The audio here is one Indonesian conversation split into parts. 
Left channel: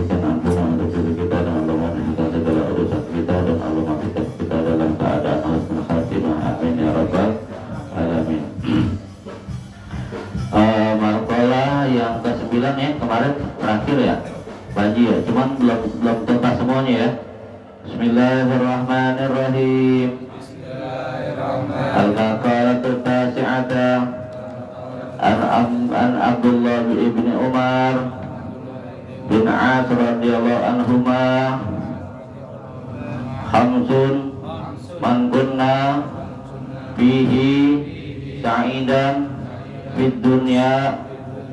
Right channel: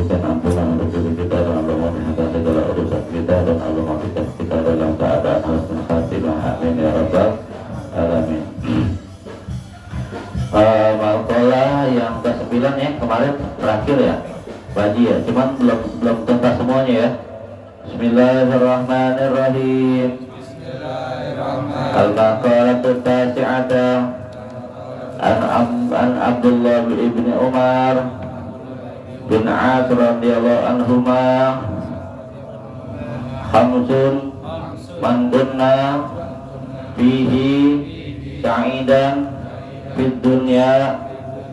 berikan ampunan untuk diri kita, dan Allah memudahkan segala urusan kita, dan Allah memudahkan kita dalam keadaan husnul khatimah. Amin ya rabbal alamin. Makalah yang ke-9 ya, kemarin terakhir ya, Baji ya, cuman belum tuntas semuanya ya. Bismillahirrahmanirrahim. Al-maqalatu tasi'ata an Abdullah bin Umar bin As radhiyallahu anhuma, khamsun man kunna fihi sa'idan fid dunya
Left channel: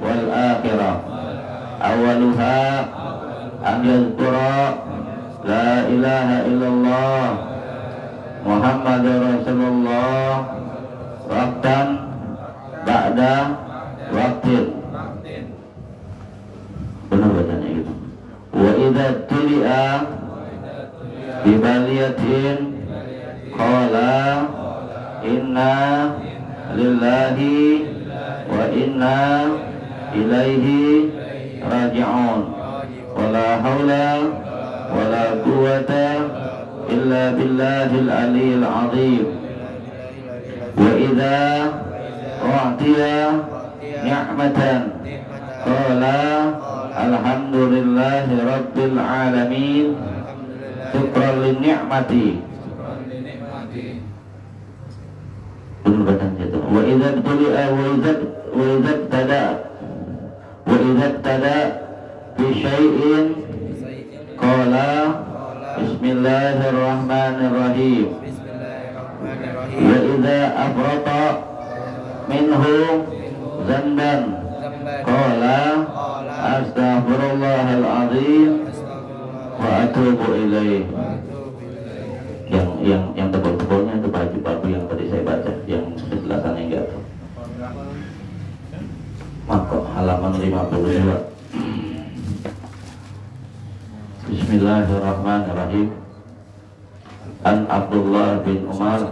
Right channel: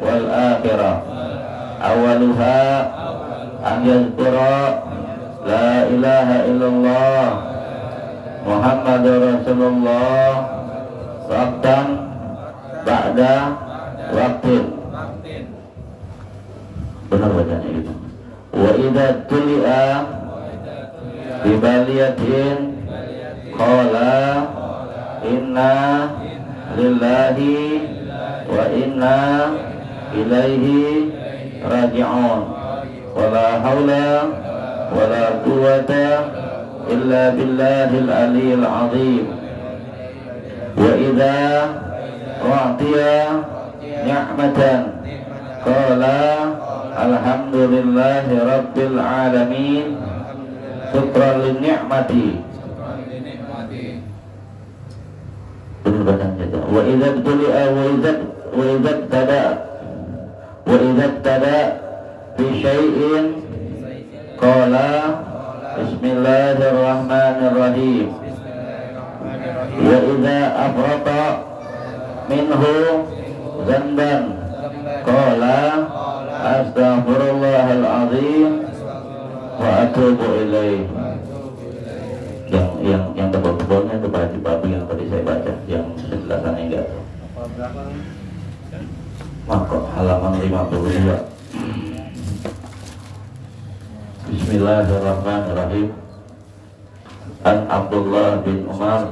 wal akhirah. Awaluha an yadhkura la ilaha illallah Muhammadur Rasulullah waqtan ba'da waqtin. Benar bacanya gitu. Wa idza tuli'a bi baliyatin qala inna lillahi wa inna ilaihi raji'un. Wala haula wala quwwata illa billahil aliyyil azim. Wa idza u'tiya ni'matan qala alhamdulillahi rabbil alamin syukran lin ni'mati. Benar bacanya itu. Wa idza tuli'a wa idza tada bi syai'in qala bismillahirrahmanirrahim. Wa idza afrata minhu zanban qala astaghfirullahal azim wa atubu ilaih. Yang tebal-tebalnya itu Pak Babu yang tadi saya baca, yang penjelasannya enggak tuh. Maka halaman 52. Bismillahirrahmanirrahim. An Abdullah bin Umar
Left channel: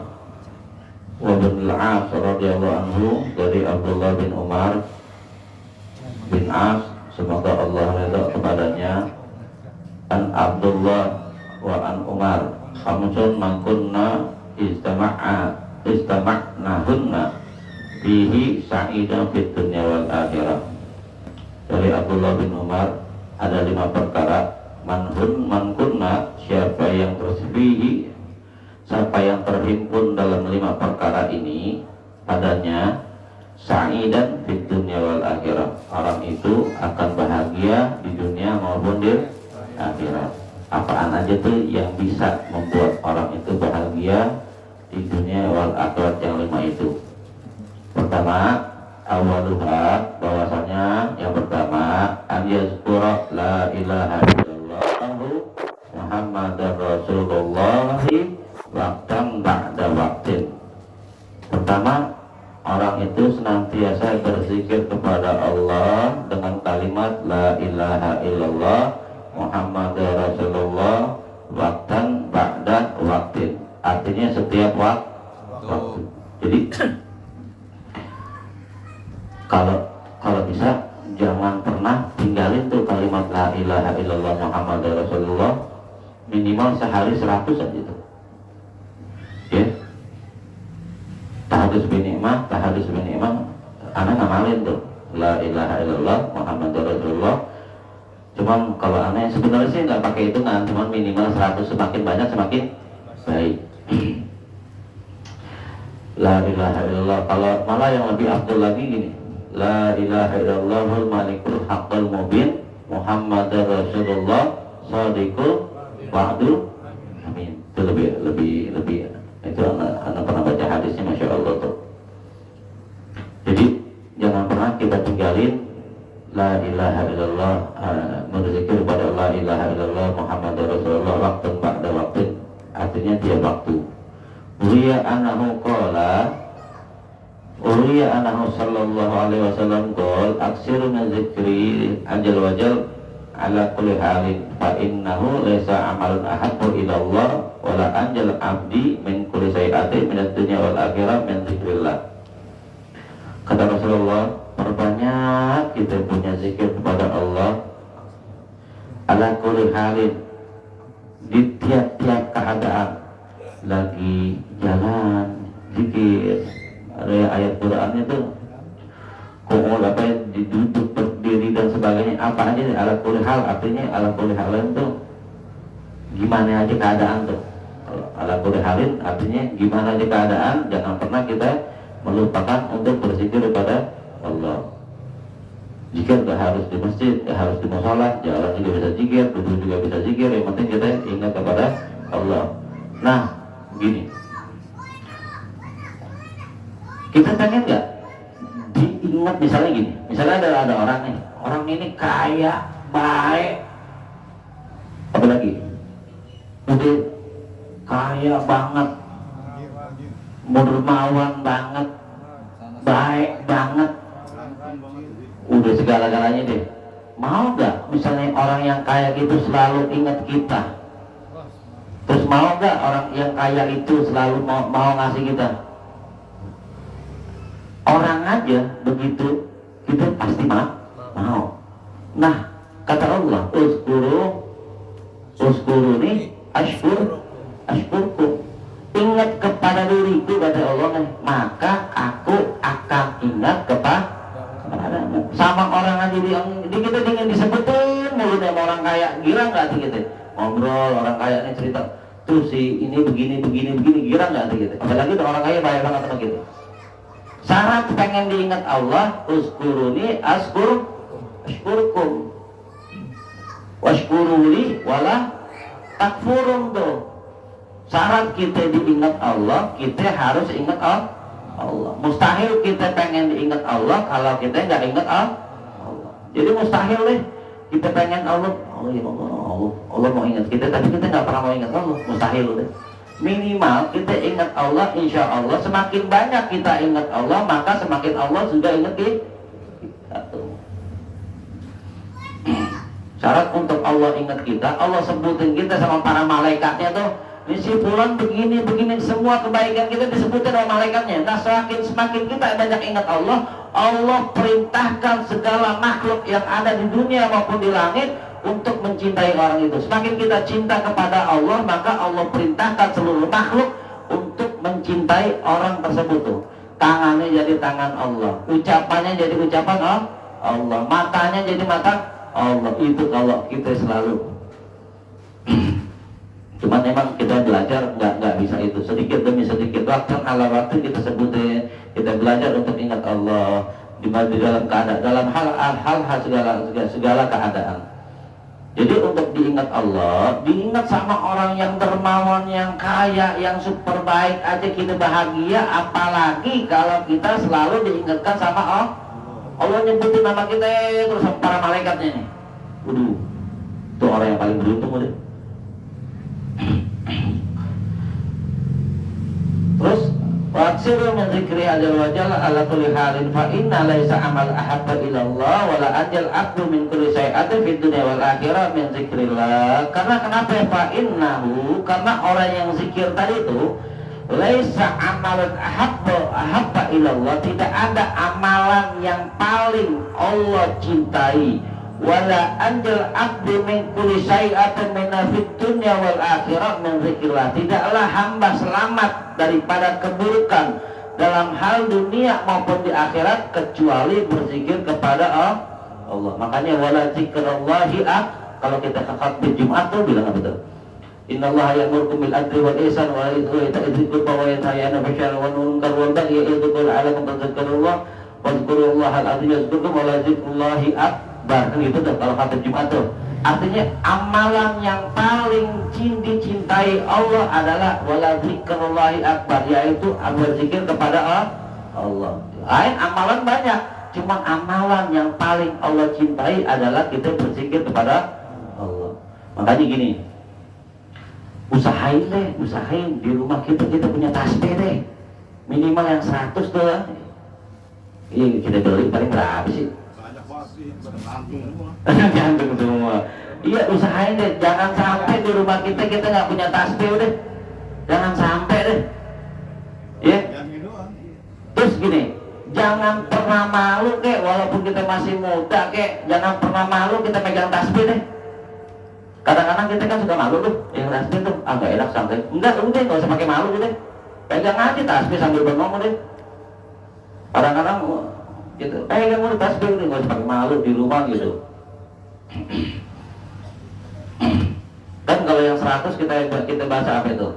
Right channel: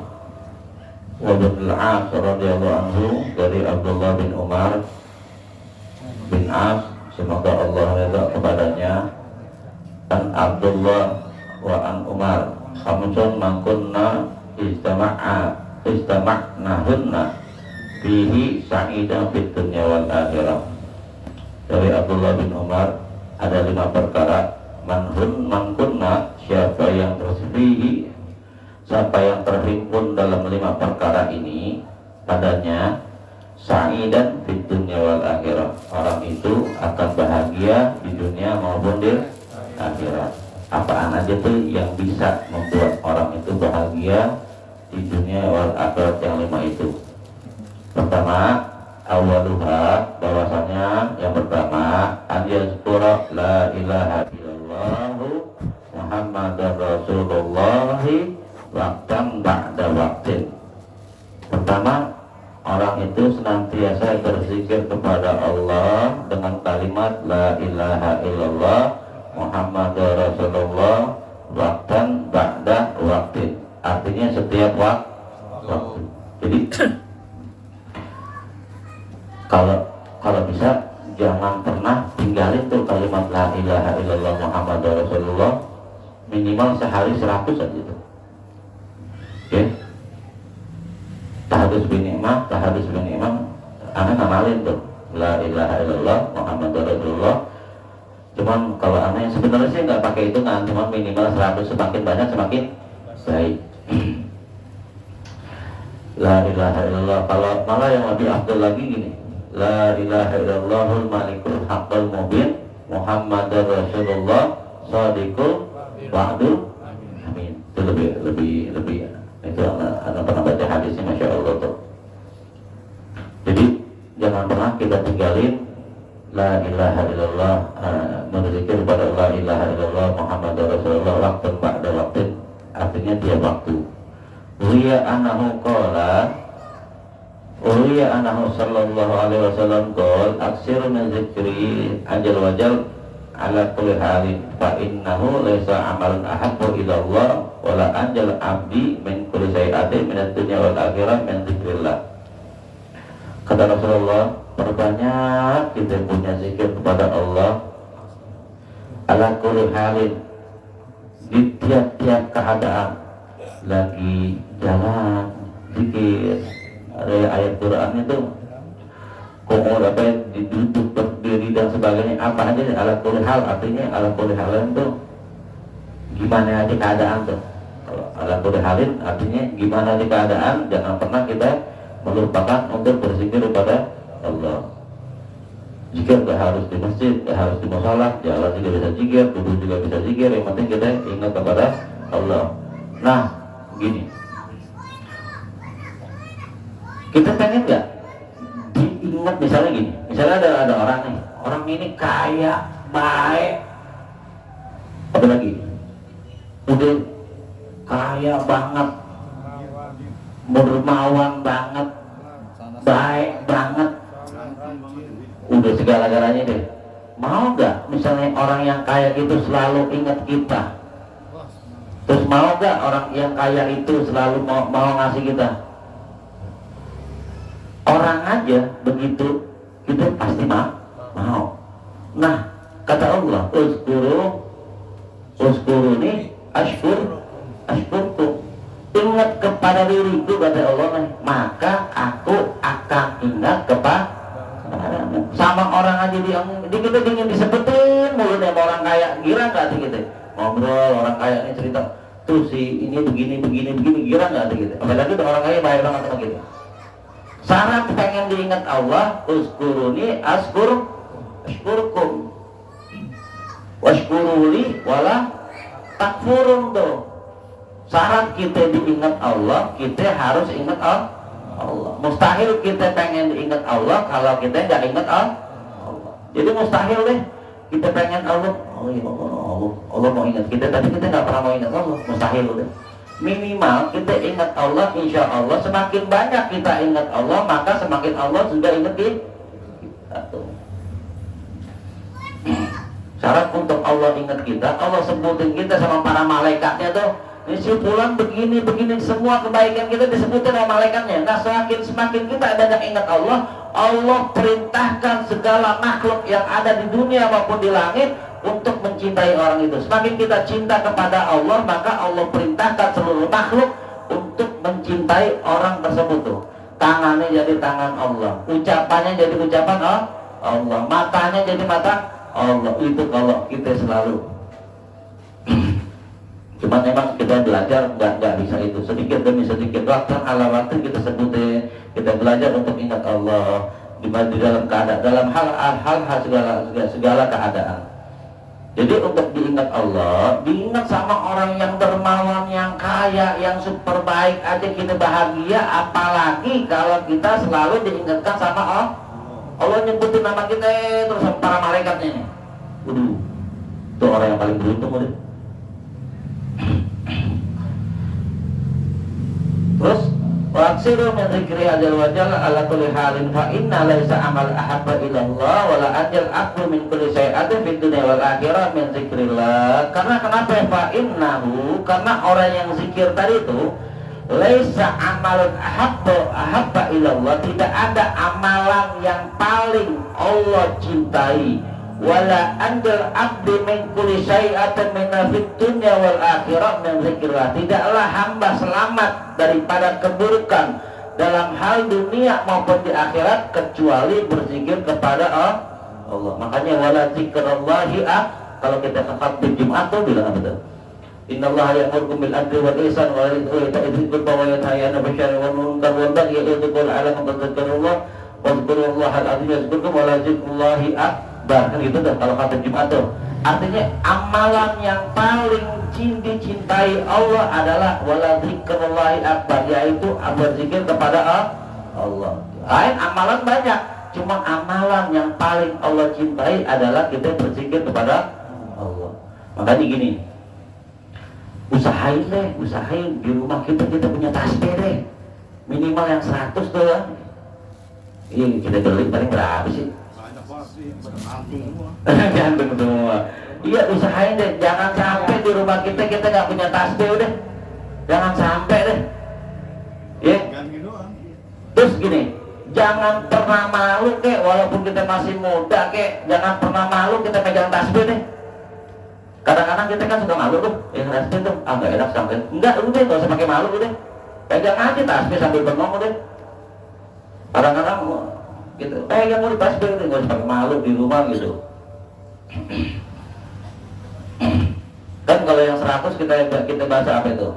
wa bin al-As radhiyallahu anhu, dari Abdullah bin Umar bin As, semoga Allah redha kepadanya. An Abdullah wa an Umar, khamsun man kunna istama'nahunna fihi sa'idan fid dunya wal akhirah. Dari Abdullah bin Umar, ada 5 perkara. Man kunna, siapa yang terfihi, siapa yang terhimpun dalam 5 perkara ini padanya, sa'idan fid dunya wal akhirah, orang itu akan bahagia di dunia maupun di akhirat. Apaan aja tuh yang bisa membuat orang itu bahagia di dunia wal akhirat yang 5 itu? Pertama, awaluha, bahwasanya yang pertama, an yazkura la ilaha illallah Muhammadar Rasulullah waqtan ba'da waqtin. Pertama, orang itu senantiasa berzikir kepada Allah dengan kalimat la ilaha illallah Muhammadar Rasulullah waqtan ba'da waqtin. Artinya setiap waktu. Jadi kalau bisa jangan pernah tinggalin tuh kalimat la ilaha illallah Muhammadar Rasulullah, minimal sehari 100 aja tuh. Oke. Tahadus bin ni'mah, anak ngamalin tuh la ilaha illallah Muhammadar Rasulullah. Cuman kalau anak sebenarnya sih nggak pakai hitungan, cuman minimal 100, semakin banyak semakin baik. La ilaha illallah. Kalau malah yang lebih afdal lagi gini, la ilaha illallahul malikul haqqul mubin Muhammadar Rasulullah shadiqul wa'du amin. Itu lebih itu anak pernah baca hadisnya, masya Allah tuh. Jadi jangan pernah kita tinggalin la ilaha illallah, berzikir pada la ilaha illallah Muhammadar Rasulullah waktu pada waktu, artinya tiap waktu. Uriya anahu sallallahu alaihi wasallam qol aksir min zikri anjal wajal ala kulli halin fa innahu laisa amalan ahabbu ila Allah wala anjal abdi min kulli sayi'atin min ad-dunya wal akhirah min zikrillah. Kata Rasulullah, perbanyak kita punya zikir kepada Allah. Ala ala kulli halin, di tiap-tiap keadaan, lagi jalan zikir. Ada ayat Quran itu kok apa duduk berdiri dan sebagainya, apa aja ala kulli hal, artinya ala kulli halin itu gimana aja keadaan tuh. Kalau ala kulli halin artinya gimana aja keadaan, jangan pernah kita melupakan untuk berzikir kepada Allah. Zikir gak harus di masjid, gak harus di musola, jalan juga bisa zikir, duduk juga bisa zikir, yang penting kita ingat kepada Allah. Nah, gini, kita pengen gak diingat, misalnya gini, misalnya ada orang nih, orang ini kaya, baik, apa lagi, udah kaya banget, dermawan banget, baik banget, udah segala-galanya deh. Mau gak misalnya orang yang kaya itu selalu ingat kita? Terus mau gak orang yang kaya itu selalu mau ngasih kita? Orang aja begitu, kita pasti mau. Nah, kata Allah, uskuru ini ashkurku. Ingat kepada diriku, kata Allah, maka aku akan ingat kepada sama orang aja kita ingin disebutin mulutnya sama orang kaya, gira nggak sih kita ngobrol orang kaya ini cerita tuh si ini begini, gira nggak sih kita? Apalagi tuh orang kaya baik banget sama kita. Syarat pengen diingat Allah, uskuruni ashkurkum washkuruli wala takfurun tuh. Syarat kita diingat Allah, kita harus ingat Allah. Mustahil kita pengen diingat Allah kalau kita nggak ingat Allah. Jadi mustahil deh kita pengen Allah, Allah mau ingat kita, tapi kita nggak pernah mau ingat Allah, mustahil deh. Minimal kita ingat Allah, insya Allah semakin banyak kita ingat Allah, maka semakin Allah sudah ingat kita. Syarat untuk Allah ingat kita, Allah sebutin kita sama para malaikatnya tuh. Ini si fulan begini, semua kebaikan kita disebutkan sama malaikatnya. Nah, semakin kita banyak ingat Allah, Allah perintahkan segala makhluk yang ada di dunia maupun di langit untuk mencintai orang itu. Semakin kita cinta kepada Allah, maka Allah perintahkan seluruh makhluk untuk mencintai orang tersebut tuh. Tangannya jadi tangan Allah, ucapannya jadi ucapan Allah, matanya jadi mata Allah. Itu kalau kita selalu cuman memang kita belajar nggak bisa itu, sedikit demi sedikit, waktu ala waktu kita sebutin, kita belajar untuk ingat Allah di dalam keadaan, dalam hal segala keadaan. Jadi untuk diingat Allah, diingat sama orang yang dermawan, yang kaya, yang super baik aja kita bahagia, apalagi kalau kita selalu diingatkan sama Allah. Allah nyebutin nama kita terus sama para malaikatnya nih. Itu orang yang paling beruntung udah. Terus waksiru min dzikri ajal wajal ala kulli halin fa inna laisa amal ahabba ila Allah wala ajal akbar min kulli syai'atin fid dunya wal akhirah min dzikrillah. Karena kenapa fa innahu, karena orang yang zikir tadi itu laisa amalun ahabba ila Allah, tidak ada amalan yang paling Allah cintai, wala anjal abdi min kulli syai'atin min fid dunya wal akhirah min dzikrillah. Tidaklah hamba selamat daripada keburukan dalam hal dunia maupun di akhirat kecuali berzikir kepada Allah. Makanya wala zikrullahi kalau kita khatib Jumat tuh bilang apa tuh? Innallaha ya'murukum bil adli wal ihsan wa ita'i dzil qurba wa yanha 'anil fahsya'i wal munkar wal baghi ya'idzukum la'allakum tadhakkarun. Wadhkurullahal 'azim yazkurkum wa la zikrullahi akbar. Kan gitu tuh kalau kata Jumat tuh. Artinya amalan yang paling dicintai Allah adalah wala zikrullahi akbar, yaitu berzikir kepada Allah. Lain amalan banyak, cuma amalan yang paling Allah cintai adalah kita berzikir kepada Allah. Makanya gini, usahain di rumah kita punya tasbih deh, minimal yang 100 tuh. Iya, kita beli paling berapa sih? Gantung semua. Iya, usahain deh, jangan sampai di rumah kita nggak punya tasbih deh, jangan sampai deh. Ya. Terus gini, jangan pernah malu kek, walaupun kita masih muda kek, jangan pernah malu kita pegang tasbih deh. Kadang-kadang kita kan suka malu tuh, yang tasbih tuh, nggak enak sampai, enggak udah nggak usah pakai malu udah, pegang aja tasbih sambil bengong udah. Kadang-kadang gitu, pegang udah tasbih udah nggak usah pakai malu di rumah gitu. Kan kalau yang 100 kita bahasa apa itu?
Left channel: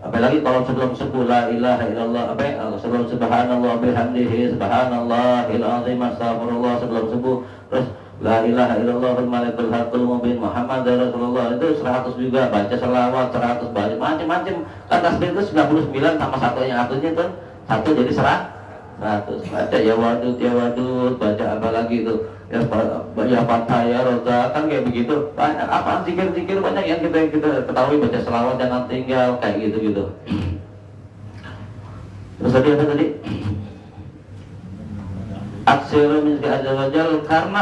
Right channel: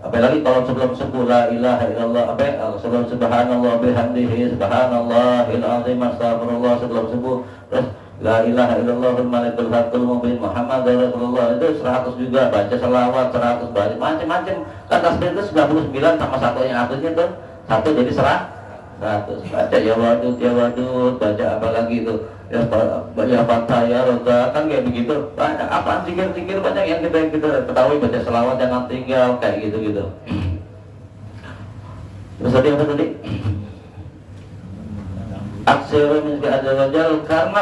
Apalagi kalau sebelum subuh la ilaha illallah sebelum subhanallah bihamdihi subhanallahil azim astagfirullah sebelum subuh, terus la ilaha illallah malikul haqqul mubin Muhammadar Rasulullah itu 100 juga, baca selawat 100, baca macam-macam. Kan tasbih itu 99 sama satu yang atasnya tuh satu jadi 100. Baca ya wadud baca apa lagi itu ya Fatah ya Roda, kan kayak begitu. Banyak apa zikir banyak yang kita ketahui, baca selawat jangan tinggal kayak gitu. Terus tadi apa tadi? Aksiru min azza wajal karena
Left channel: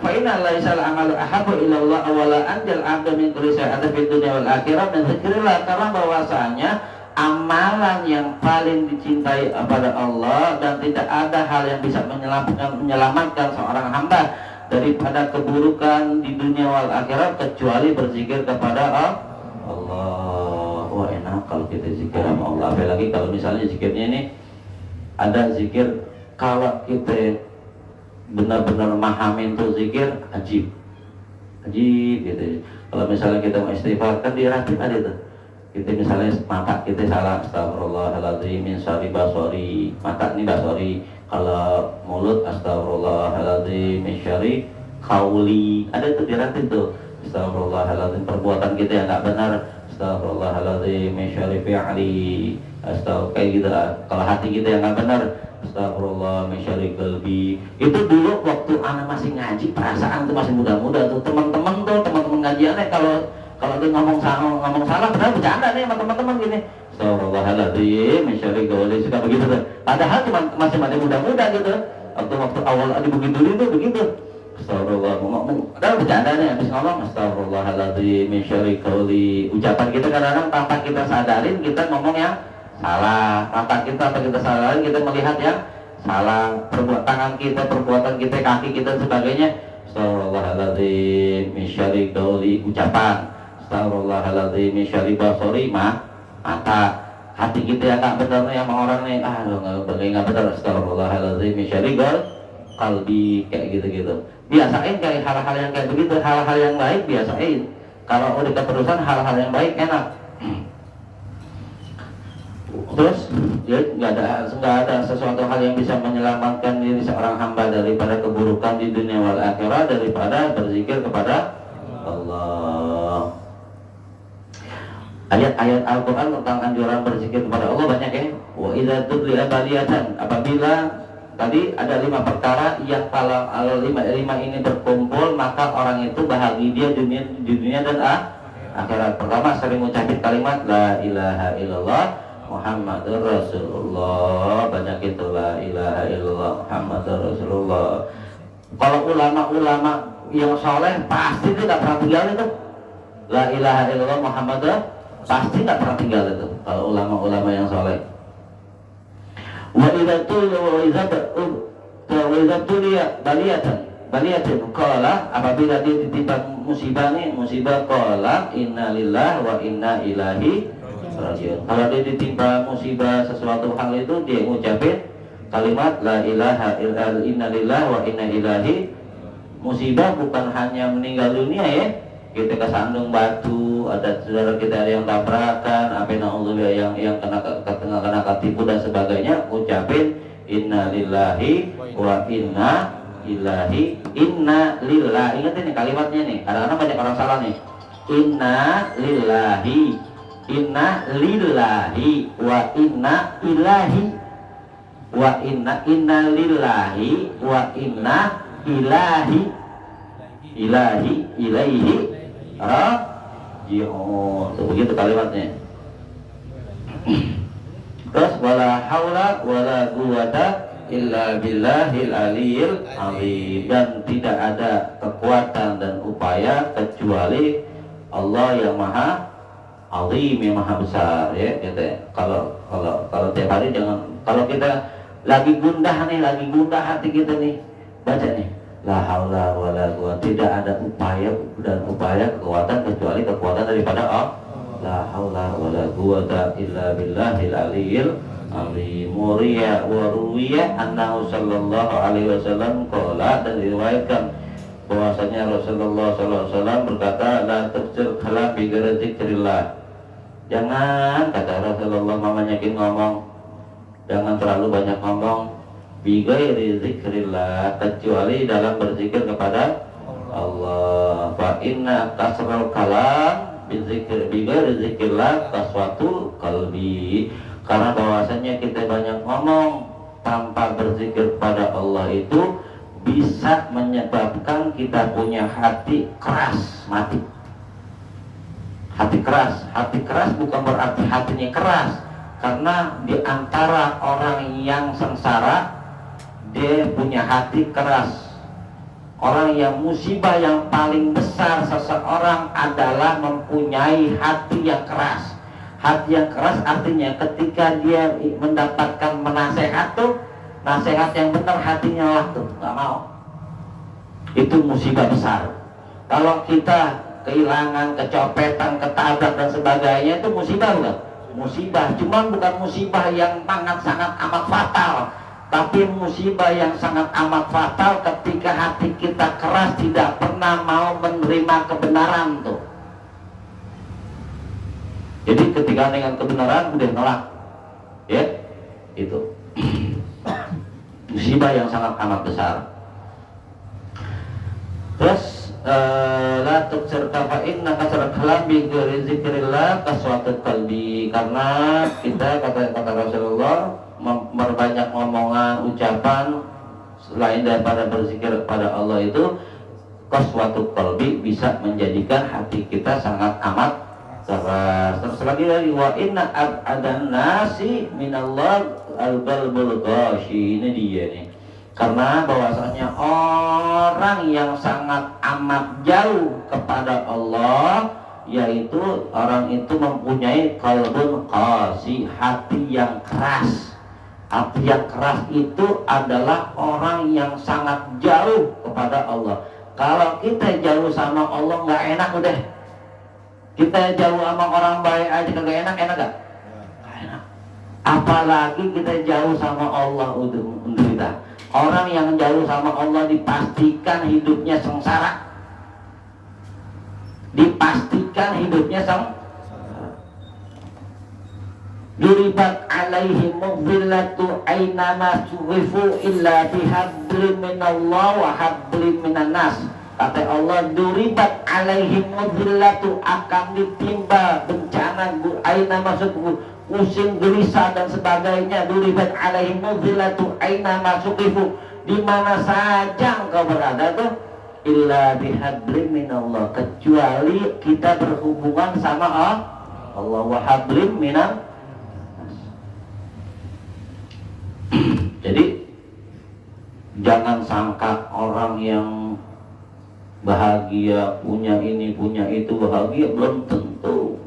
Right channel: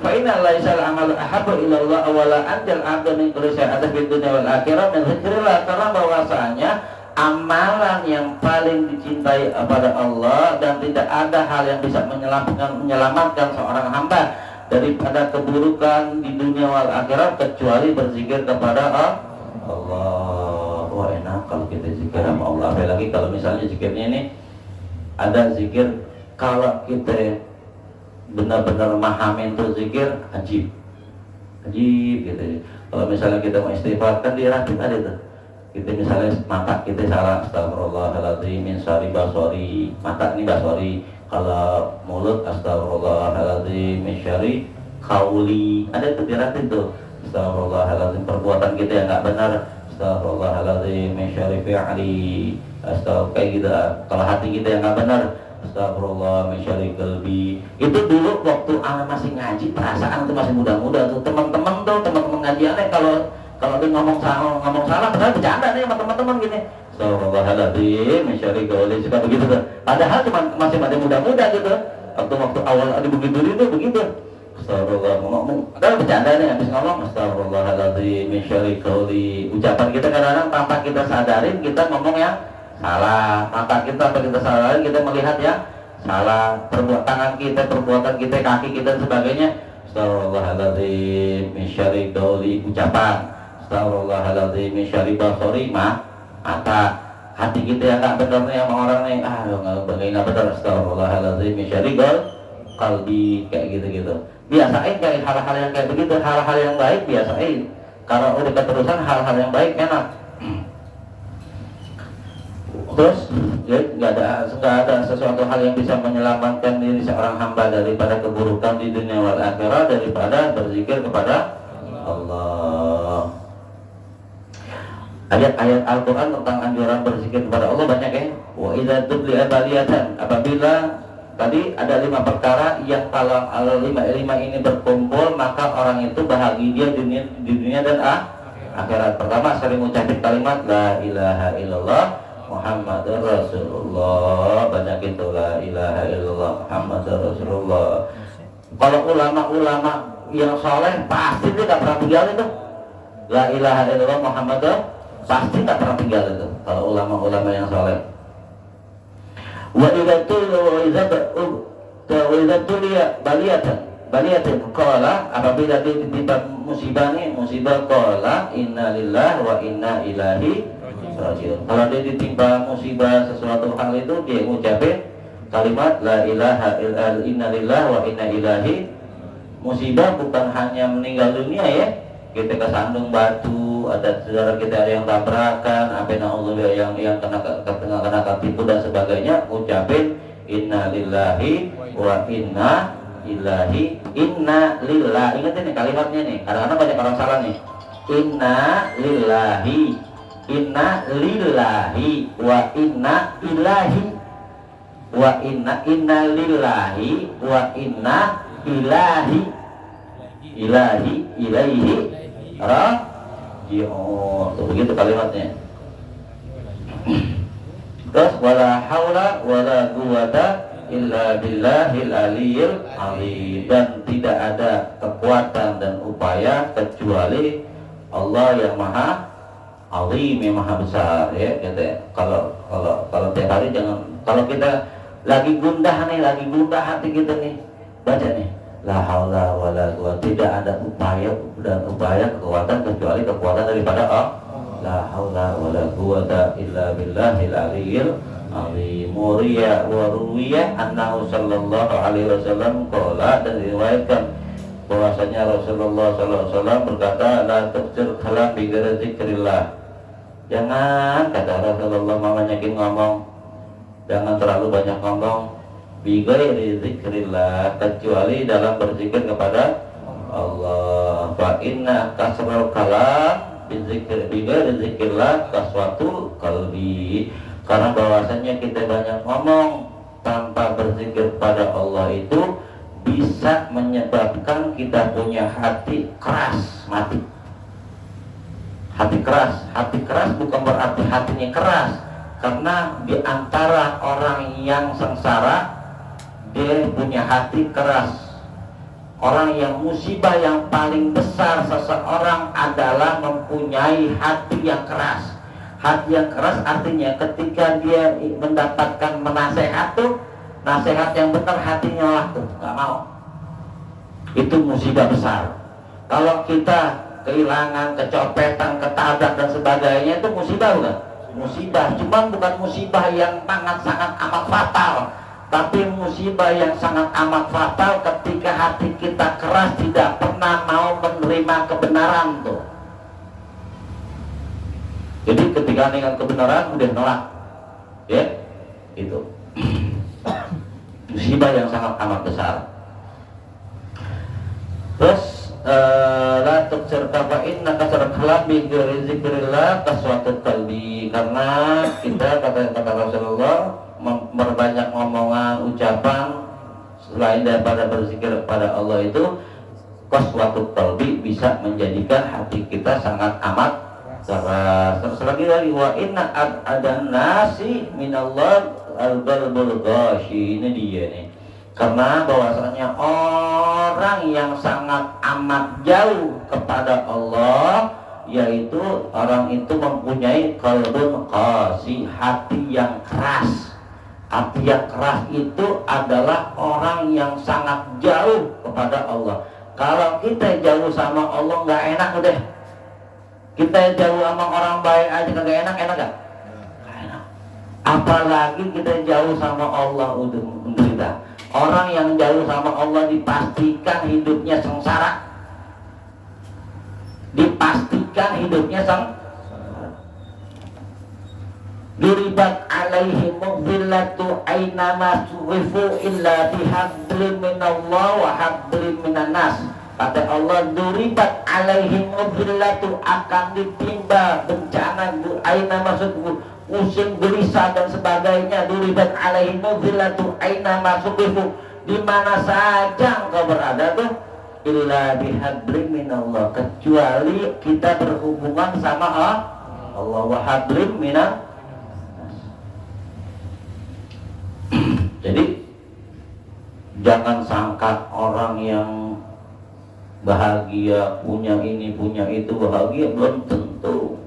fa'ina laisal amalu ahabbu ila Allah awala anjal abda min kulli syai'atin fid dunya wal akhirah min zikrillah, karena bahwasanya amalan yang paling dicintai kepada Allah dan tidak ada hal yang bisa menyelamatkan seorang hamba daripada keburukan di dunia wal akhirat kecuali berzikir kepada Allah. Wah enak kalau kita zikir sama Allah. Apalagi kalau misalnya zikirnya ini ada zikir, kalau kita benar-benar memahami itu zikir ajib gitu. Kalau misalnya kita mau istighfar kan dirakit aja tuh. Kita misalnya mata kita salah, astagfirullahaladzim min syarri basori, mata ini basori. Kalau mulut astagfirullahaladzim min syarri qauli, ada tuh dilatih tuh. Astagfirullahaladzim perbuatan kita yang nggak benar, astagfirullahaladzim min syarri fi'li, kayak gitu. Kalau hati kita yang nggak benar, astagfirullah min syarri qalbi. Itu dulu waktu anak masih ngaji, perasaan itu masih muda-muda tuh, teman-teman ngajiannya kalau dia ngomong salah, padahal bercanda nih sama teman-teman gini. Astagfirullahaladzim min syarri qauli, suka begitu tuh. Padahal cuma masih muda-muda gitu. Waktu awal ada begitu itu begitu. Astagfirullah ngomong, padahal bercanda nih habis ngomong astagfirullahaladzim min syarri qauli. Ucapan kita kadang-kadang tanpa kita sadarin kita ngomong yang salah, mata kita apa kita sadarin kita melihat ya salah, tangan kita, perbuatan kita, kaki kita dan sebagainya. Astagfirullahaladzim min syarri qauli, ucapan. Astagfirullahaladzim min syarri basori, mata. Hati kita yang nggak benar nih sama orang nih, nggak benar. Astagfirullahaladzim min syarri qalbi, kayak gitu. Biasain cari hal-hal yang kayak begitu, hal-hal yang baik biasain. Kalau udah keterusan hal-hal yang baik enak. Terus ya nggak ada sesuatu hal yang bisa menyelamatkan diri seorang hamba daripada keburukan di dunia wal akhirah daripada berzikir kepada Allah. Ayat-ayat Al-Quran tentang anjuran berzikir kepada Allah banyak ya. Wa idza tudliya baliyatan, apabila tadi ada 5 perkara yang kalau lima ini berkumpul maka orang itu bahagia di dunia dan akhirat. Pertama, sering mengucapkan kalimat la ilaha illallah Muhammadur Rasulullah, banyak itu la ilaha illallah Muhammadur Rasulullah. Kalau ulama-ulama yang soleh pasti dia nggak pernah tinggal itu la ilaha illallah Muhammadur, pasti nggak pernah tinggal itu kalau ulama-ulama yang soleh. Wa idza tuliya baliyatan qala, apabila dia ditimpa musibah qala inna lillahi wa inna ilaihi rajiun. Kalau dia ditimpa musibah sesuatu hal itu dia ngucapin kalimat la ilaha illallah inna lillahi wa inna ilaihi. Musibah bukan hanya meninggal dunia ya, kita kesandung batu, ada saudara kita ada yang tabrakan, apa yang kena ketipu dan sebagainya, ucapin inna lillahi wa inna ilaihi. Inna lillahi, ingat ini kalimatnya nih, kadang-kadang banyak orang salah nih. Inna lillahi wa inna ilahi wa inna lillahi wa inna ilahi ilaihi raji'un. Begitu kalimatnya. Terus wala haula wala quwwata illa billahil aliyil azim, dan tidak ada kekuatan dan upaya kecuali Allah yang maha azim, yang maha besar ya gitu ya. Kalau tiap hari jangan, kalau kita lagi gundah hati kita nih, baca nih La haula wala quwwata, tidak ada upaya dan upaya kekuatan kecuali kekuatan daripada Allah. La haula wala quwwata illa billahil aliyyil azim. Muriya wa ruwiya annahu sallallahu alaihi wasallam qala, dan diriwayatkan bahwasanya Rasulullah sallallahu alaihi wasallam berkata, la tafsir kalam bi ghairi zikrillah. Jangan, kata Rasulullah, menyakin ngomong, jangan terlalu banyak ngomong bi ghairi zikrillah, kecuali dalam berzikir kepada Allah. Fa inna kasral kalam bi ghairi zikrillah kaswatul qalbi, karena bahwasanya kita banyak ngomong tanpa berzikir kepada Allah itu bisa menyebabkan kita punya hati keras, mati. Hati keras bukan berarti hatinya keras, karena di antara orang yang sengsara dia punya hati keras. Orang yang musibah yang paling besar seseorang adalah mempunyai hati yang keras. Hati yang keras artinya ketika dia mendapatkan menasehat tuh, nasihat yang benar hatinya waktu nggak mau. Itu musibah besar. Kalau kita kehilangan, kecopetan, ketabrak dan sebagainya, itu musibah bukan? Musibah, cuma bukan musibah yang sangat amat fatal, tapi musibah yang sangat amat fatal ketika hati kita keras, tidak pernah mau menerima kebenaran tuh. Jadi ketika dengan kebenaran udah nolak, ya itu musibah yang sangat amat besar. Terus la tuksir kafa'in nakasar kalam bi ghairi zikrillah kaswatut qalbi, karena kita kata Rasulullah memperbanyak ngomongan, ucapan selain daripada berzikir kepada Allah itu kaswatut qalbi, bisa menjadikan hati kita sangat amat keras. Terus lagi dari wa inna adan nasi minallah al-qalbul ghashi, ini dia nih. Karena bahwasanya orang yang sangat amat jauh kepada Allah, yaitu orang itu mempunyai qalbun qasi, hati yang keras. Hati yang keras itu adalah orang yang sangat jauh kepada Allah. Kalau kita jauh sama Allah nggak enak udah. Kita jauh sama orang baik aja kagak enak, enak gak? Nggak enak. Apalagi kita jauh sama Allah udah menderita. Orang yang jauh sama Allah dipastikan hidupnya sengsara. Dipastikan hidupnya sengsara. Duribat alaihim dhillatu aynama suwifu illa bihablim minallah wa hablim minan nas. Kata Allah, duribat alaihim dhillatu, akan ditimba bencana aynama suwifu, pusing, gelisah dan sebagainya. Duribat alaihim dhillatu aina masukifu, di mana saja engkau berada tuh, illa bihablim minallah, kecuali kita berhubungan sama Allah, wa hablim minan. Jadi jangan sangka orang yang bahagia, punya ini punya itu bahagia, belum tentu.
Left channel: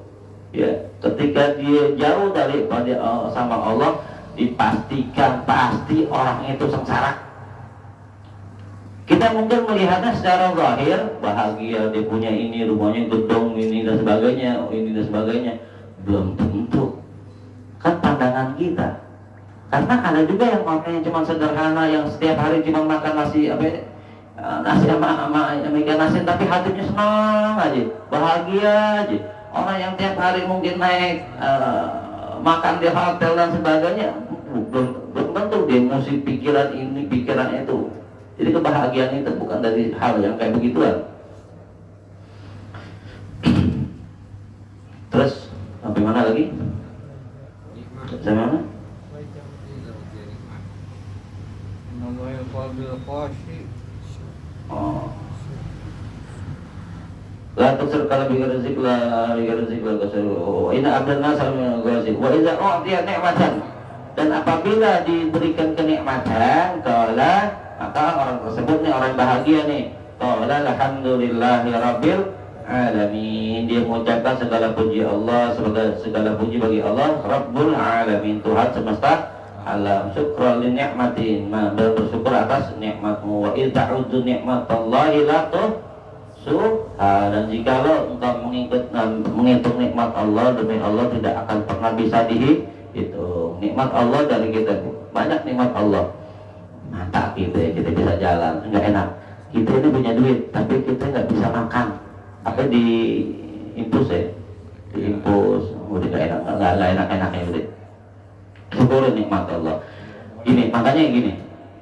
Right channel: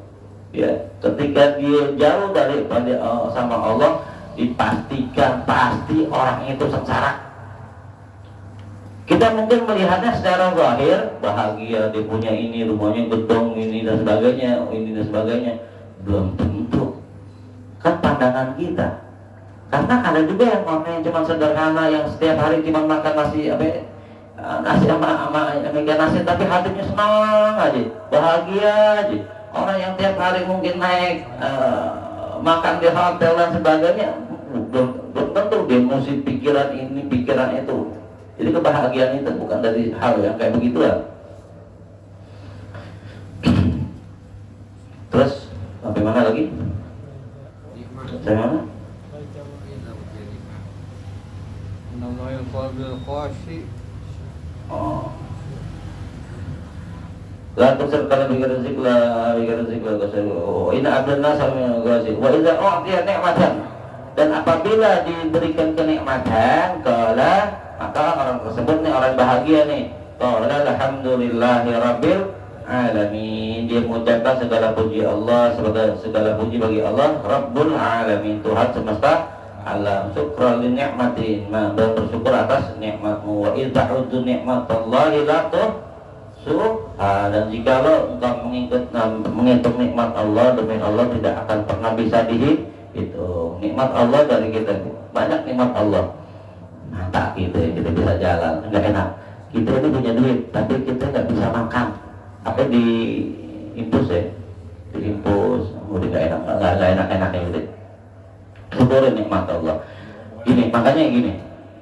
Ya, ketika dia jauh daripada sama Allah, dipastikan pasti orang itu sengsara. Kita mungkin melihatnya secara zahir bahagia, dia punya ini, rumahnya gedung ini dan sebagainya, belum tentu. Kan pandangan kita. Karena ada juga yang orang yang cuma sederhana, yang setiap hari cuma makan nasi nasi sama ikan nasi, tapi hatinya senang aja, bahagia aja. Orang yang tiap hari mungkin naik makan di hotel dan sebagainya, belum tentu dia mesti pikiran ini, pikiran itu. Jadi kebahagiaan itu bukan dari hal yang kayak begituan. Terus sampai mana lagi? Sampai mana? Oh. La tusir kalau bikin rezeki lah kasih. Ini abdullah sama kasih. Wa iza dia nikmatan, dan apabila diberikan kenikmatan, qala, maka orang tersebut nih orang bahagia nih. Qala alhamdulillahi rabbil alamin. Dia mengucapkan segala puji Allah, segala puji bagi Allah, Rabbul alamin, Tuhan semesta ala syukra li ni'matin, bersyukur atas nikmatmu. Wa idza ta'uddu nikmatallahi la tuhsuha, dan jikalau engkau menghitung nikmat Allah, demi Allah tidak akan pernah bisa dihitung. Nikmat Allah dari kita banyak, nikmat Allah. Mata kita bisa jalan, enggak enak. Kita ini punya duit, tapi kita nggak bisa makan. Apa di impus ya? Diimpus, udah nggak enak-enaknya udah. Syukurin nikmat Allah. Gini, makanya gini.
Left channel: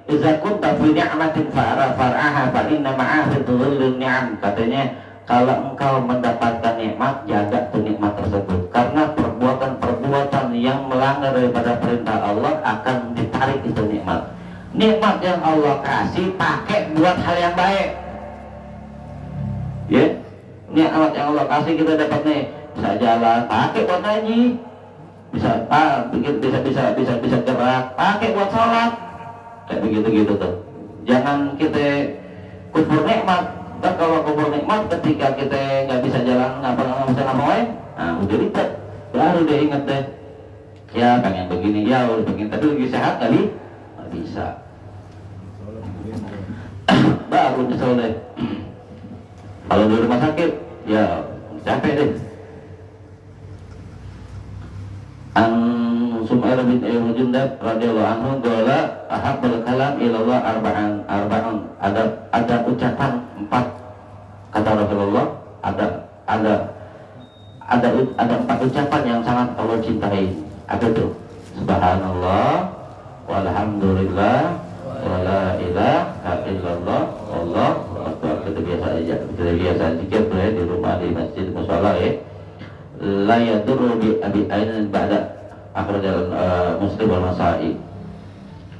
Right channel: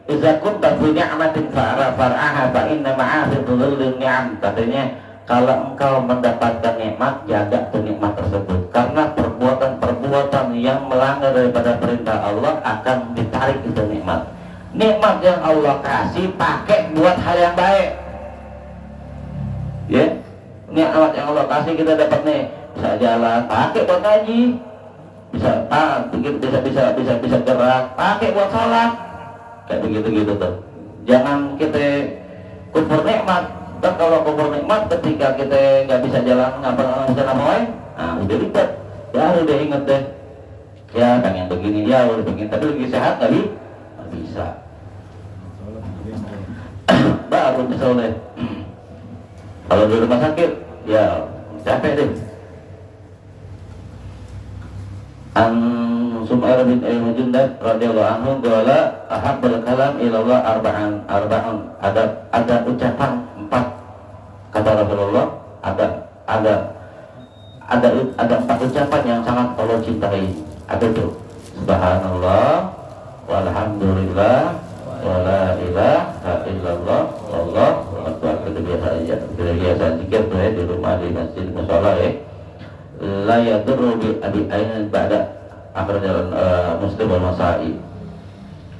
Iza kunta fi ni'matin far'aha fa inna ma'a fi dhullil ni'am. Katanya kalau engkau mendapatkan nikmat, jaga tuh nikmat tersebut. Karena perbuatan-perbuatan yang melanggar daripada perintah Allah akan ditarik itu nikmat. Nikmat yang Allah kasih pakai buat hal yang baik. Ya, nikmat yang Allah kasih kita dapat nih, bisa jalan, pakai buat ngaji, bisa gerak, pakai buat sholat, kayak begitu tuh. Jangan kita kufur nikmat. Dan kalau kufur nikmat ketika kita nggak bisa jalan, nggak bisa ngapain, nah udah ribet, baru udah inget deh. Ya pengen begini, ya udah begini, tapi lagi sehat kali nggak bisa. Baru nyesel deh. Kalau di rumah sakit, ya capek deh. An Sumair bin Al-Mujundab radhiyallahu anhu qala ahabbal kalam ila Allah arba'un. Ada ucapan 4 kata Rasulullah, ada 4 ucapan yang sangat Allah cintai. Apa itu? Subhanallah walhamdulillah wala ilaha illallah wallahu akbar. Itu biasa aja. Kita biasa zikir tuh ya, di rumah, di masjid, mushola ya. La yadurru bi ainin ba'da akhir jalan Muslim wal Nasa'i.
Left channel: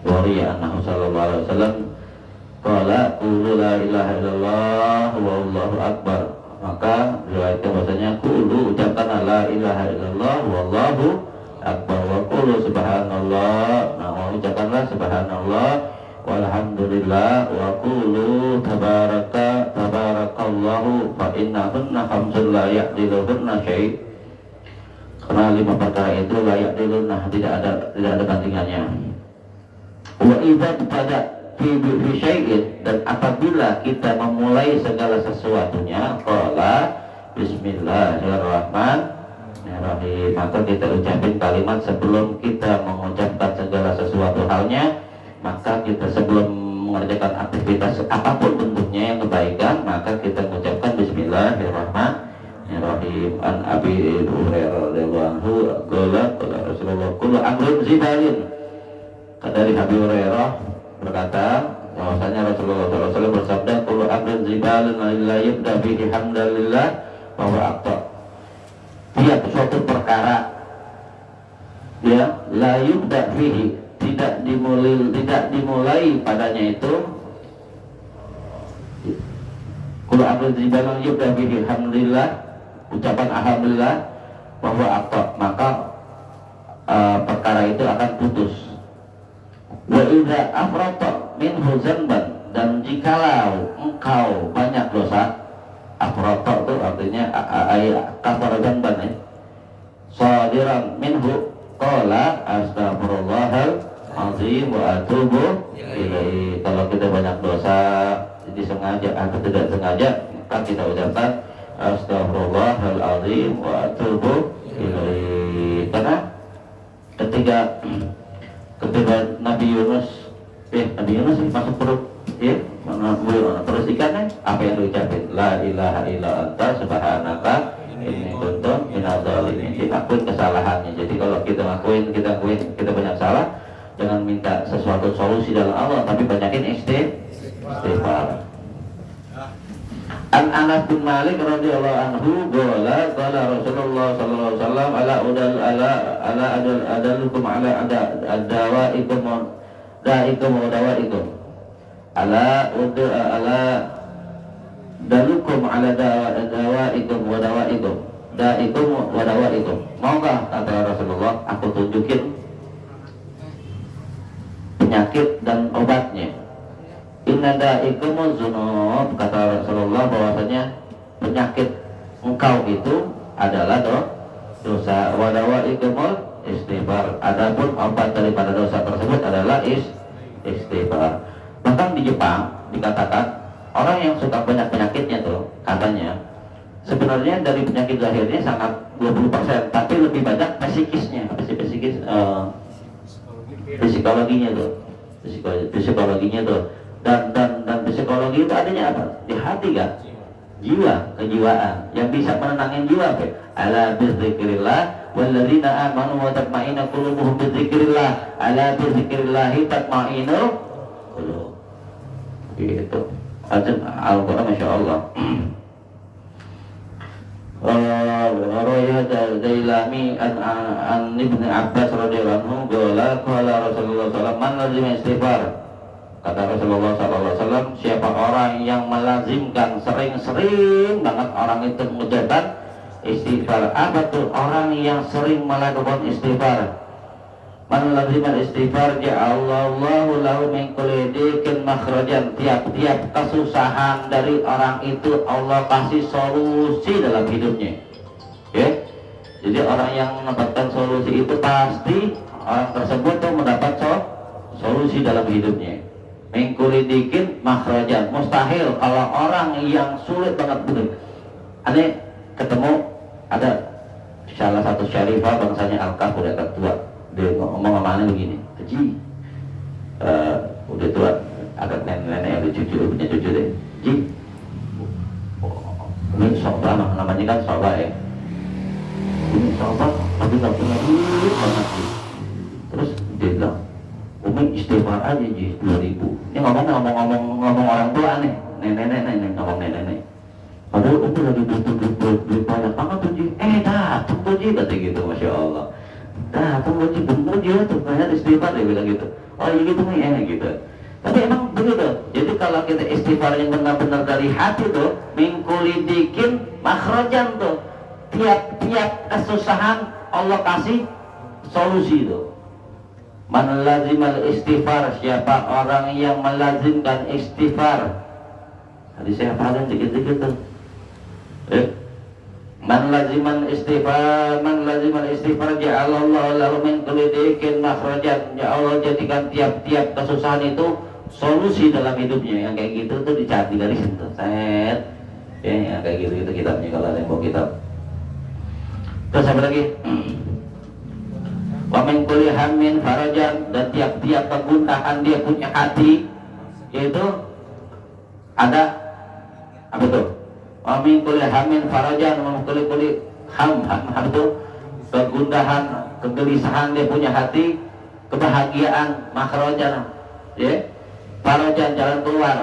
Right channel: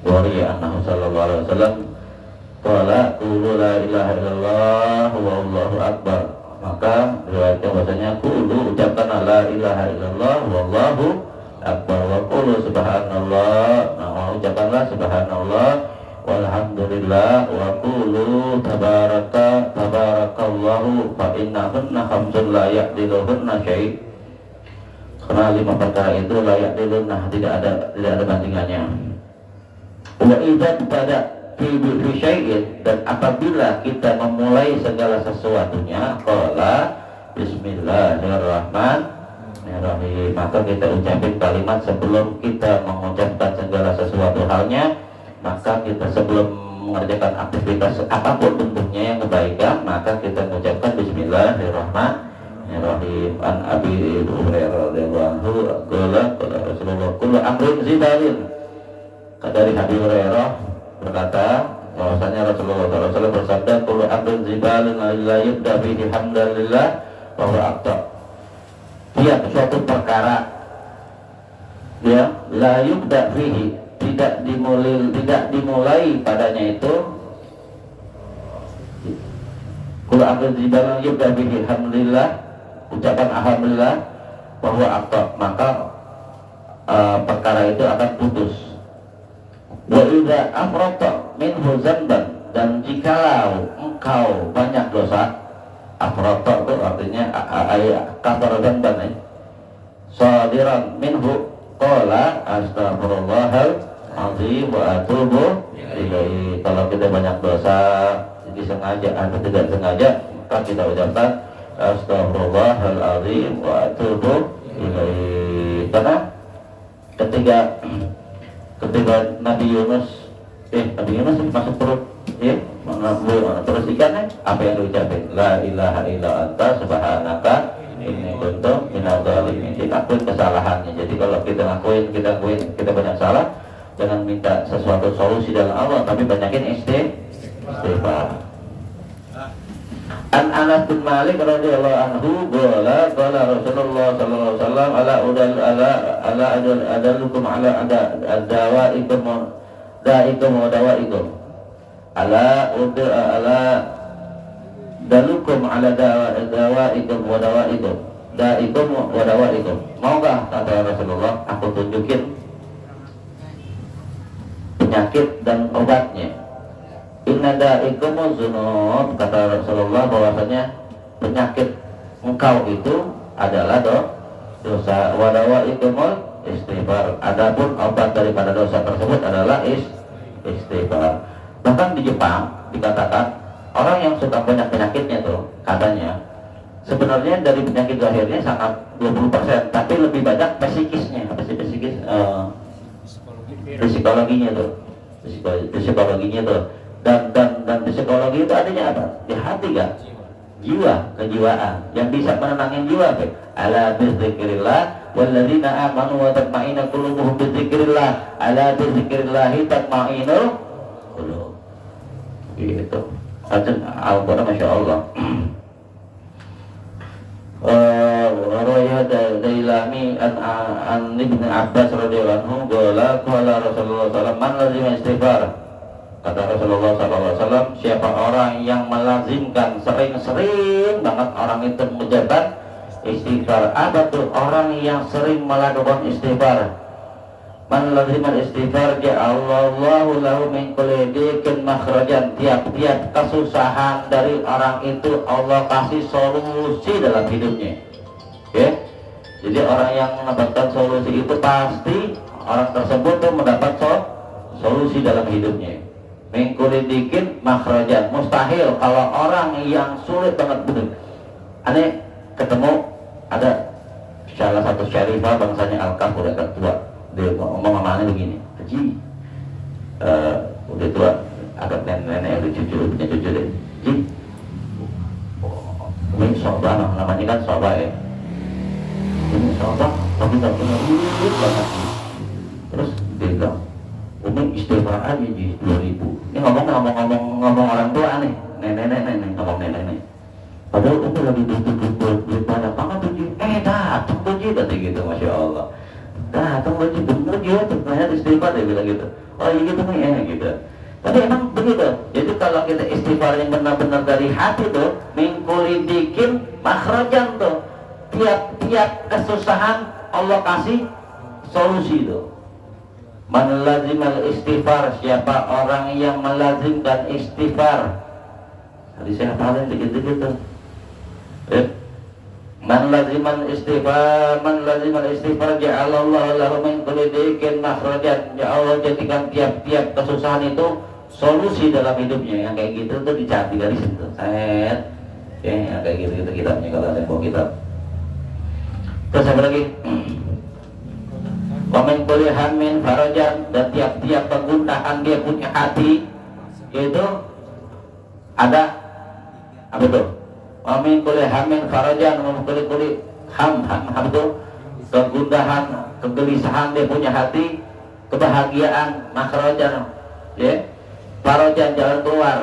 Wa riya annahu sallallahu alaihi wasallam qala qulu la ilaha illallah wallahu akbar. Maka riwayatnya bahasanya qulu, ucapkan la ilaha illallah wallahu akbar, wa qulu subhanallah. Nah, ucapkanlah subhanallah walhamdulillah, wa qulu tabarakallahu fa innahunna khamsun la ya'diluhunna syai'. Karena 5 perkara itu layak dilunah, tidak ada bandingannya. Wa idza tada fi syai'in, dan apabila kita memulai segala sesuatunya, qala bismillahirrahmanirrahim, maka kita ucapin kalimat sebelum kita mengucapkan segala sesuatu halnya. Maka kita sebelum mengerjakan aktivitas apapun bentuknya yang kebaikan, maka kita mengucapkan bismillahirrahmanirrahim. An Abi Hurairah radhiyallahu anhu qala Rasulullah kullu amrin zibalin. Dari Abi Hurairah berkata bahwasanya Rasulullah SAW bersabda, kullu amrin zibalin la yubda bihi hamdalillah wa huwa aqta. Tiap suatu perkara ya la yubda bihi, tidak dimulai padanya itu, kullu amrin zibalin yubda bihi hamdalillah, ucapan alhamdulillah, bahwa akta, maka perkara itu akan putus. Wa idza afrata minhu zanban, dan jikalau engkau banyak dosa, afrata itu artinya kafara zanban ya, sadiran minhu qala astaghfirullahal azim wa atubu ilaihi. Kalau kita banyak dosa disengaja atau tidak sengaja, maka kita ucapkan astaghfirullahaladzim wa atubu ilaihi. Karena ketika Nabi Yunus masuk perut terus ikannya, apa yang diucapin? La ilaha illa anta subhanaka inni kuntu minadz dzalimin. Diakuin kesalahannya. Jadi kalau kita ngakuin kita banyak salah, jangan minta sesuatu solusi dalam Allah, tapi banyakin istighfar. An Anas bin Malik radhiyallahu anhu qala Rasulullah sallallahu alaihi wasallam ala adallukum ala dawaikum wa dawaikum dalukum ala dawaikum wa dawaikum. Maukah, kata Rasulullah, aku tunjukin penyakit dan obatnya? Inna da'ikumuz zunub, kata Rasulullah, bahwasanya penyakit engkau itu adalah dosa. Wa dawa'ikumul istighfar. Adapun obat daripada dosa tersebut adalah istighfar. Bahkan di Jepang dikatakan orang yang suka banyak penyakitnya tuh katanya sebenarnya dari penyakit zahirnya sangat 20%, tapi lebih banyak psikisnya. Apa sih psikis? Psikologinya tuh. Psikologinya tuh. Dan psikologi itu adanya apa? Di hati kan? Jiwa, kejiwaan yang bisa menenangkan jiwa. Ala bizikrillah walladzina amanu wa tatma'innu qulubuhum bizikrillah. Ala bizikrillah tatma'innul qulub. Gitu. Al-Qur'an Masya Allah. Rawaya Dailami an Ibn Abbas radhiyallahu anhu qala Rasulullah sallallahu alaihi wasallam man lazima istighfar. Kata Rasulullah SAW, siapa orang yang melazimkan sering-sering banget orang itu mengucapkan istighfar. Apa tuh orang yang sering melakukan istighfar? Man lazimal istighfar ja'alallahu lahu min kulli dikin makhrajan. Tiap-tiap kesusahan dari orang itu Allah kasih solusi dalam hidupnya. Ya. Jadi orang yang mendapatkan solusi itu pasti orang tersebut tuh mendapat solusi dalam hidupnya. Mengkulidikin makhrajan. Mustahil kalau orang yang sulit banget betul. Aneh ketemu ada salah satu syarifah bangsanya Al-Kahf udah tertua. Dia ngomong sama aneh begini, Ji, udah tua, ada nenek-nenek ada cucu, punya cucu deh. Ji, ini soba namanya kan soba ya. Ini soba, tapi gak punya duit banget. Terus dia bilang, Umi istighfar aja Ji 2000. Ini ngomong orang tua nih, nenek-nenek ngomong nenek-nenek. Padahal Umi lagi duit banyak banget tuh Ji. Datang tuh Ji, kata gitu, Masya Allah. Datang tuh Ji, bener Ji, tuh banyak istighfar dia bilang gitu. Oh iya gitu nih, gitu. Tapi emang begitu. Jadi kalau kita istighfar yang benar-benar dari hati tuh, mingkulidikin makhrajan tuh. Tiap kesusahan Allah kasih solusi tuh. Man lazimal istighfar, siapa orang yang melazimkan istighfar. Tadi saya hafalin dikit-dikit tuh. Man lazimal istighfar ja'alallahu lahu min kulli dikin makhrajan. Ya Allah jadikan tiap-tiap kesusahan itu solusi dalam hidupnya. Yang kayak gitu tuh dicatat dari situ. Set. Ya, yang kayak gitu itu kitabnya kalau ada yang bawa kitab. Terus apa lagi? Wamin kulli hammin farajan, dan tiap-tiap kegundahan dia punya hati, yaitu ada apa itu? Wamin kulli hammin farajan, wamin kulli ham itu kegundahan, kegelisahan dia punya hati, kebahagiaan, makhrajan, ya, farajan jalan keluar.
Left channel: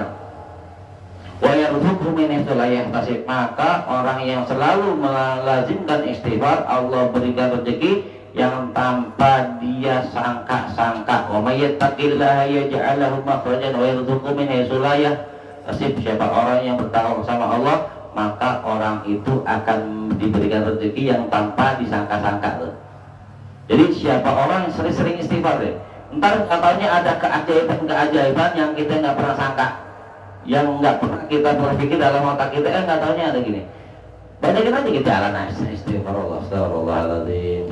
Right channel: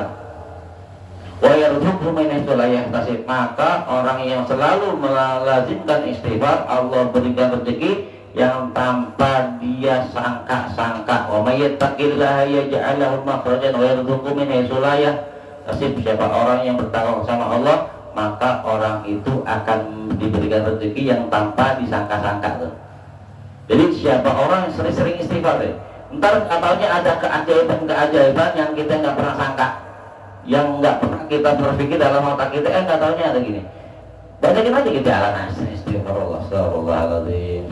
Wa yarzuqhu min haitsu la yahtasib, maka orang yang selalu melazimkan istighfar Allah berikan rezeki yang tanpa dia sangka-sangka. Wa may yattaqillaha yaj'al lahu makhrajan wa yarzuqhu min haitsu la yahtasib. Siapa orang yang bertakwa sama Allah, maka orang itu akan diberikan rezeki yang tanpa disangka-sangka tuh. Jadi siapa orang yang sering-sering istighfar deh, ntar katanya ada keajaiban yang kita nggak pernah sangka, yang nggak pernah kita berpikir dalam otak kita, nggak taunya ada gini. Bacain aja kita jalan istighfarullah, astagfirullahaladzim.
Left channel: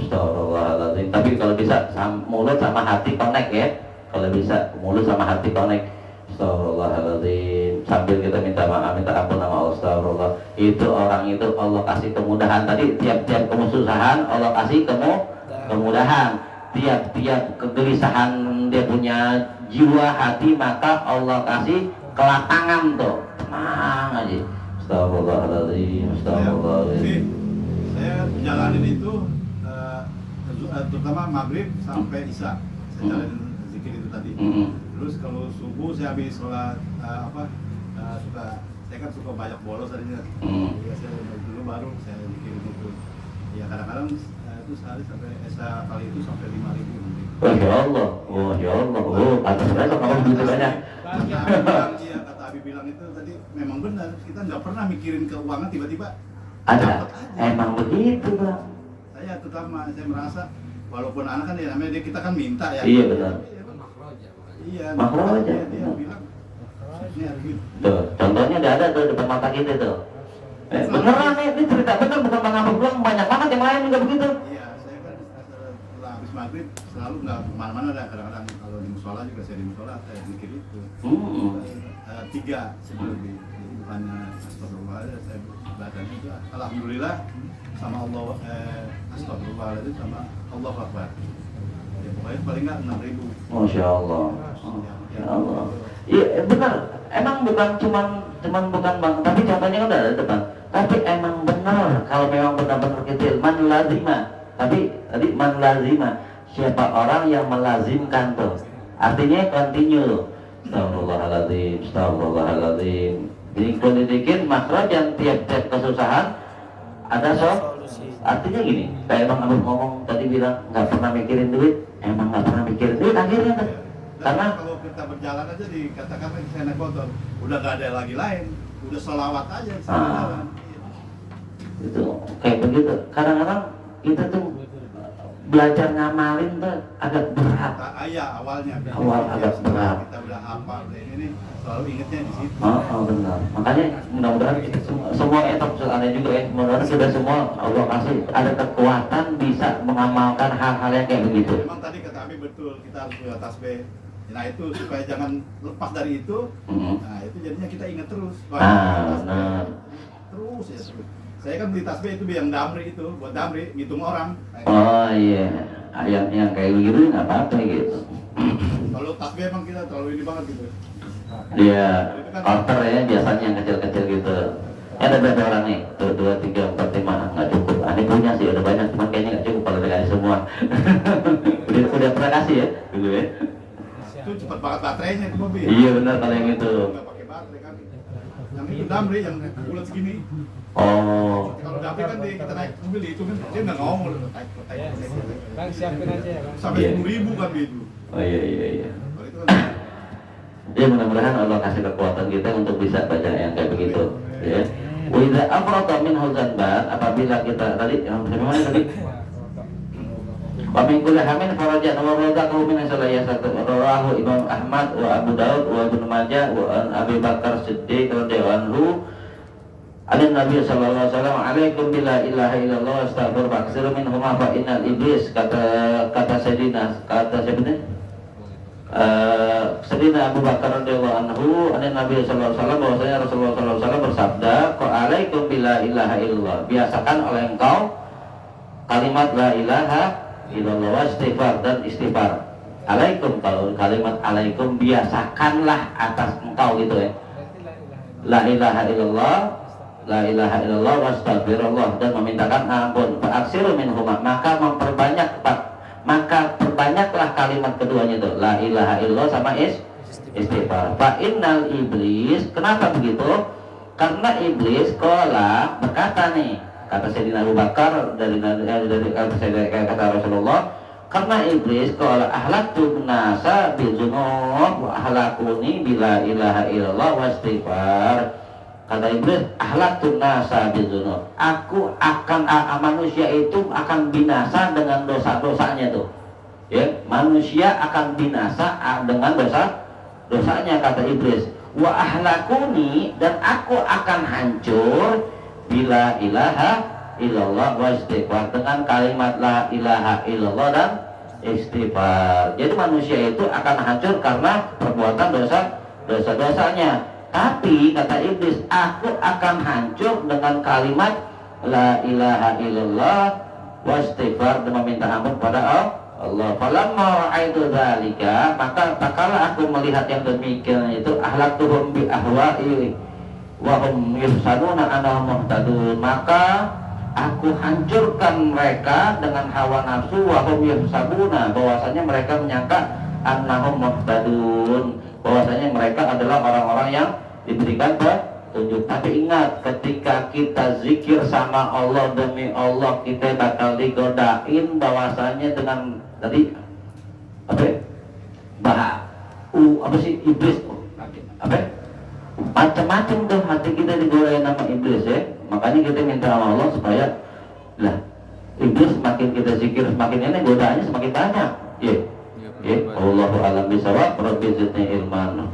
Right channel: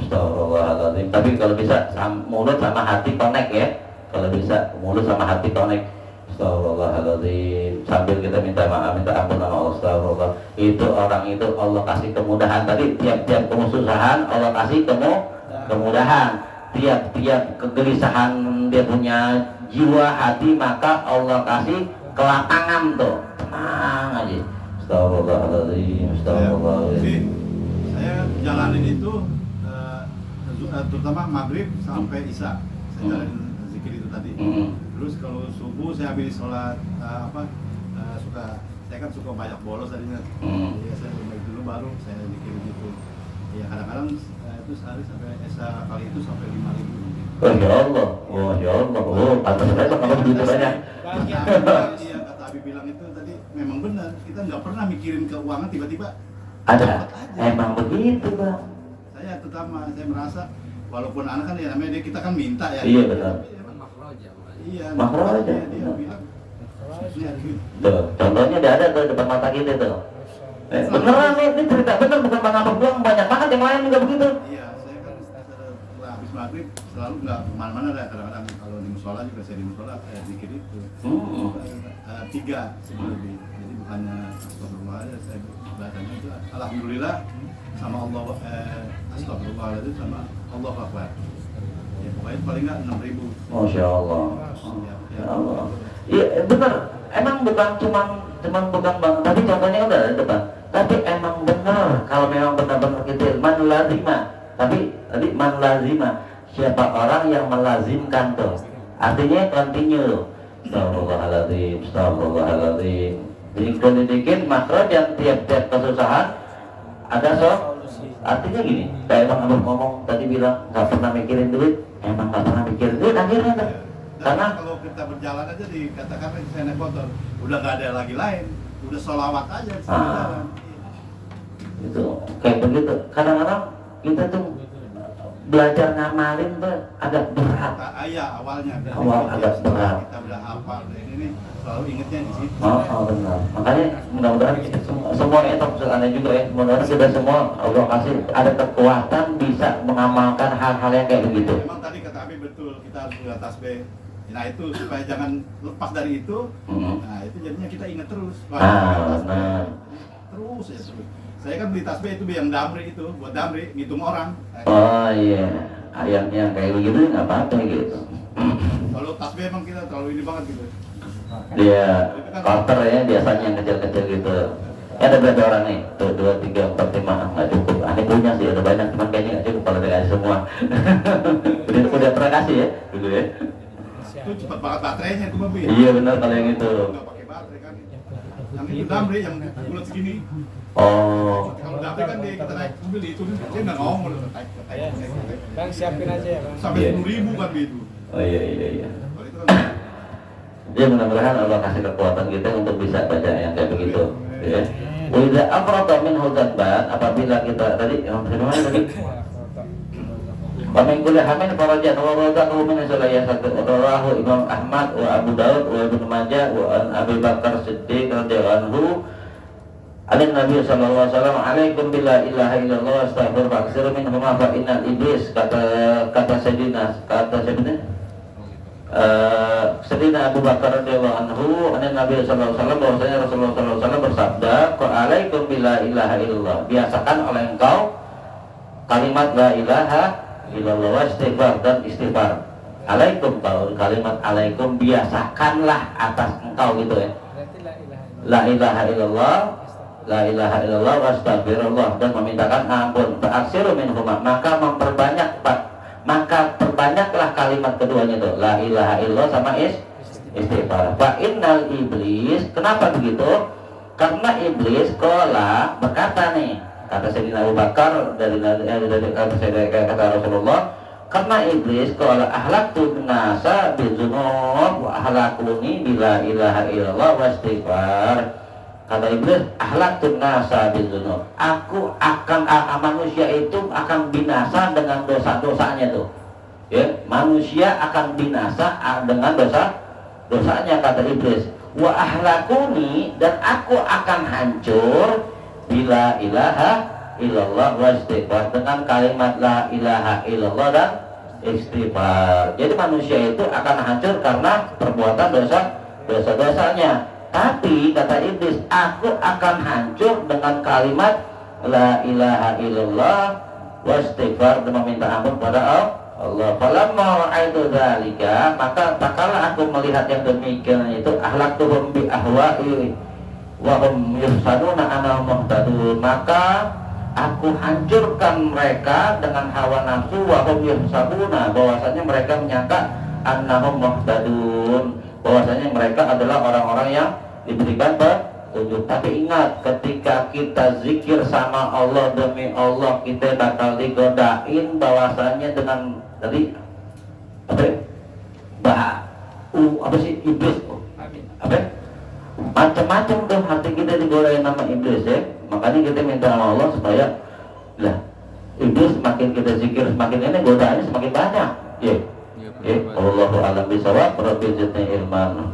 Tapi kalau bisa mulut sama hati connect ya. Kalau bisa mulut sama hati connect. Astagfirullahaladzim. Sambil kita minta maaf, minta ampun sama Allah. Astagfirullah. Itu orang itu Allah kasih kemudahan. Tadi tiap-tiap kesusahan Allah kasih kemudahan. Tiap-tiap kegelisahan dia punya jiwa hati, maka Allah kasih kelapangan tuh. Tenang aja. Astagfirullahaladzim, astagfirullahaladzim. Saya jalanin itu terutama maghrib sampai isya. Saya jalanin zikir itu tadi. Terus kalau subuh saya habis sholat saya kan suka banyak bolos tadinya. Ya saya dulu baru saya zikir itu. Ya kadang-kadang itu sehari sampai kali itu sampai 5.000. Masya Allah, Masya Allah. Pantas saja kalau begitu banyak. Kata Abi bilang itu tadi memang benar, kita nggak pernah mikirin keuangan, tiba-tiba ada emang begitu Bang. Saya terutama saya merasa walaupun anak kan ya namanya kita kan minta ya. Iya benar. Iya. Makhraja. Dia bilang ini harus gitu. Tuh, contohnya ada tuh depan mata kita tuh. Beneran nih, ini cerita bener bukan Bang Abang doang, banyak banget yang lain juga begitu. Iya, saya kan setelah habis maghrib selalu nggak kemana-mana dah, kadang-kadang kalau di musola juga saya di musola saya zikir itu. 3 lebih. Jadi bukannya astagfirullah aja, saya bacanya itu alhamdulillah sama Allah, astagfirullahaladzim sama Allahu Akbar. Ya pokoknya paling nggak 6.000. Masya Allah. Ya Allah. Iya benar. Emang bukan cuman bukan bang, tapi contohnya kan udah ada depan. Tapi emang benar kalau memang benar-benar kecil man lazima. Tapi tadi man lazima, siapa orang yang melazimkan tuh. Artinya continue. Astagfirullahaladzim, astagfirullahaladzim. Dikit makhrajan tiap-tiap kesusahan ada artinya gini, kayak Bang Abang ngomong tadi bilang nggak pernah mikirin duit, emang nggak pernah mikirin duit akhirnya tuh. Karena kalau kita berjalan aja dikatakan saya naik motor, udah gak ada lagi lain, udah sholawat aja sambil jalan. Itu kayak begitu. Kadang-kadang kita tuh belajar ngamalin tuh agak berat. Iya awalnya. Awal agak berat. Kita udah hafal ini selalu ingetnya di situ. Oh benar. Makanya mudah-mudahan semua itu maksud Anda juga ya. Mudah-mudahan sudah semua Allah kasih ada kekuatan bisa mengamalkan hal-hal yang kayak begitu. Memang tadi kata Abi betul, kita harus punya tasbih. Nah itu supaya jangan lepas dari itu. Nah itu jadinya kita ingat terus. Benar. Terus ya terus. Saya kan beli tasbih itu yang damri itu, buat damri, ngitung orang. Oh iya, ayatnya kayak begitu nggak apa-apa gitu. Kalau tasbih emang kita terlalu ini banget gitu. Iya, quarter ya biasanya yang kecil-kecil gitu. Ada berapa orang nih? Tuh 2, 3, 4, 5 nggak cukup. Aneh punya sih ada banyak, cuman kayaknya nggak cukup kalau dikasih semua. udah pernah kasih ya dulu ya. Itu cepat banget baterainya itu mobil. Iya benar kalau yang itu. Nggak pakai baterai kan. Yang itu damri yang bulat segini. Oh. Kalau damri kan kita naik mobil dihitungin, dia nggak ngomong loh. Bang siapin aja ya bang. Sampai 10.000 kan itu. Oh iya. Kalau itu kan Ya mudah-mudahan Allah kasih kekuatan kita untuk bisa baca yang kayak begitu. Ya. Wa idza afrata minhu dzanban, apabila kita tadi yang bagaimana tadi? Wa min kulli hamin farajan wa razaqahu min salaya rawahu Imam Ahmad wa Abu Daud wa Ibnu Majah wa an Abi Bakar Siddiq radhiyallahu anhu. Ada Nabi sallallahu alaihi wasallam, "Alaikum bila ilaha illallah astaghfir faksiru minhuma fa innal iblis," kata Sayyidina Sayyidina Abu Bakar radhiyallahu anhu, ada Nabi sallallahu alaihi wasallam bahwasanya Rasulullah sallallahu alaihi wasallam bersabda, "Alaikum bila ilaha illallah." Biasakan oleh engkau kalimat la ilaha illallah wa istighfar dan istighfar. Alaikum, kalau kalimat alaikum biasakanlah atas engkau gitu ya. La ilaha illallah, la ilaha illallah wa astagfirullah, dan memintakan ampun. Fa'aksiru minhuma, maka perbanyaklah kalimat keduanya itu, la ilaha illallah sama istighfar. Fa innal iblis, kenapa begitu? Karena iblis qala berkata nih, kata Sayyidina Abu Bakar dari kata Rasulullah, karena iblis qala ahlaktu nasa bizunub wa ahlakuni bila ilaha illallah wa istighfar. Kata iblis, ahlaktu nasa bizunub, aku akan manusia itu akan binasa dengan dosa-dosanya tuh. Ya, manusia akan binasa dengan dosanya, kata iblis. Wa ahlakuni, dan aku akan hancur bila ilaha illallah wa istighfar, dengan kalimat la ilaha illallah dan istighfar. Jadi manusia itu akan hancur karena perbuatan dosa-dosanya. Tapi kata iblis, aku akan hancur dengan kalimat la ilaha illallah wa istighfar, dan meminta ampun pada Allah. Falamma ra'aitu dzalika, maka tatkala aku melihat yang demikian itu, ahlaktuhum bi ahwa'i wa hum yahsaduna annahum muhtadun, maka aku hancurkan mereka dengan hawa nafsu, wa hum yahsaduna, bahwasanya mereka menyangka annahum muhtadun, bahwasanya mereka adalah orang-orang yang diberikan petunjuk. Tapi ingat, ketika kita zikir sama Allah, demi Allah kita bakal digodain bahwasanya dengan tadi apa sih iblis macam-macam tuh hati kita digodain sama iblis ya. Makanya kita minta sama Allah supaya lah iblis semakin kita zikir semakin ini godaannya semakin banyak ya. Allahu a'lam bishawab. Rabbi zidni ilman.